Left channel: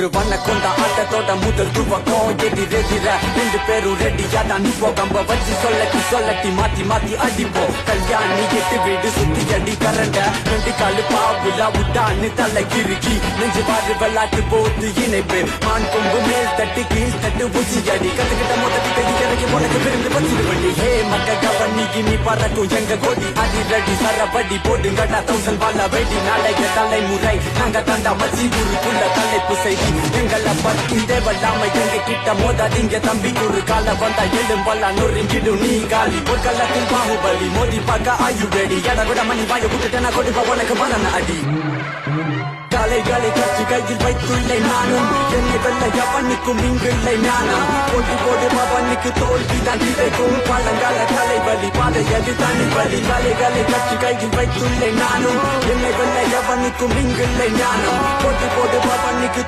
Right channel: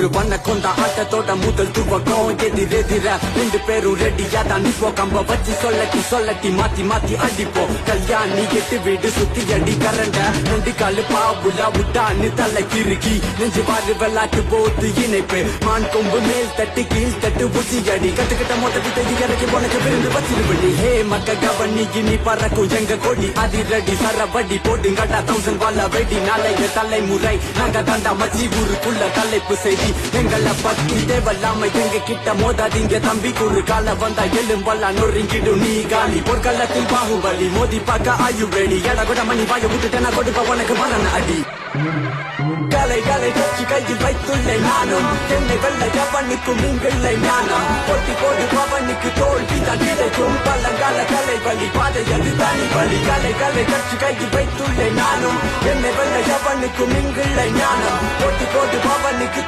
ஒரு வண்ண கொண்ட ஆட்டத்தோட முதல் துவக்கம் எதிரெதிர ரெண்டு பேரும் ரெடியா தான் நிப்போ கம்ப வச்சு சொல்லட்டி மாத்தி மாத்தி அடிப்போம் கல்யாணி எட்டு வீடு சுத்தி அடி கரண்ட ரெண்டு காலு பாவுலா விட்டான்னு தலை கிறுக்கி நெஞ்சு பாரு வெள்ளாட்டு போத்து இணைப்பு மான் கொம்பு மேல் தட்டு கீழ் தட்டு உச்சி அடி கத்துக்கிட்ட மொத்தத்தை தேடி இறக்கி உனக்கு விருந்து வச்சிருவண்டி ஹே மக்க கவனி இனி பறக்கும் எங்க கொடி அதிரடி சரவடி போடுங்கடா 1000 வாழ வெடி நாளைய தலைமுறை நாங்க தாண்டா மச்சி ஊருக்குள்ள தலைப்பு செய்தி எங்களை பத்தி தேவல்லாம எங்க கிட்ட மோதாதீங்க தம்பி ஒரு கால வந்தா எழும்பல்லா நொறுங்கிடும் நீ காலி ஒரு கள்ளத்தில் பாகுபலி மோதி பார்க்க ஆயு ரெடி எட கூட மணி வாய விட்டுட்டேனா கொடுப்ப உனக்கு மரண அடி காலை காலை கட்சி கையில் வைத்துள்ளே நானும் என்னை வெள்ள கவனிக்கும் நீங்களை ஞானம் ஓடி ஓடி பவனுக்கு தோல்விதான் கிடைக்கும் காலங்கால கலை வலி பாதை அது தானி வலி காலை காலை கட்சி கையில் வைத்துள்ளே நானும் என்னை வெள்ள கவனிக்கும் நீங்களை ஞானம் ஓடி ஓடி பவனுக்கு